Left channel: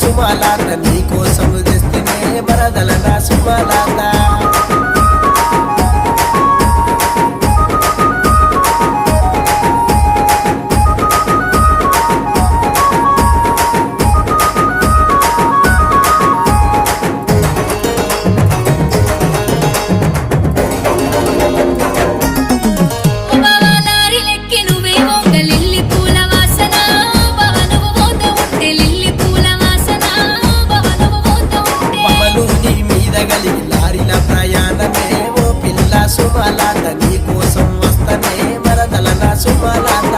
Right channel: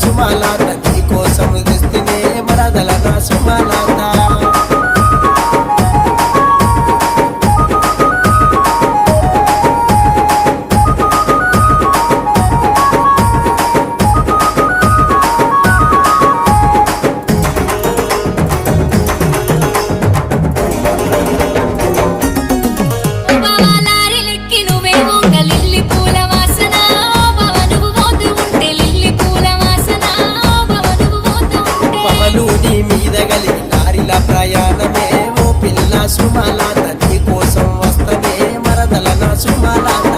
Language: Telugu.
సుమలాత నీ కోసం తెస్తేనే మరదల నా సుమలాత లారీల ప్రయాణమే ఓ పిల్ల సుమలాత నీ కోసం వస్తనే మరదల నా సుమలాత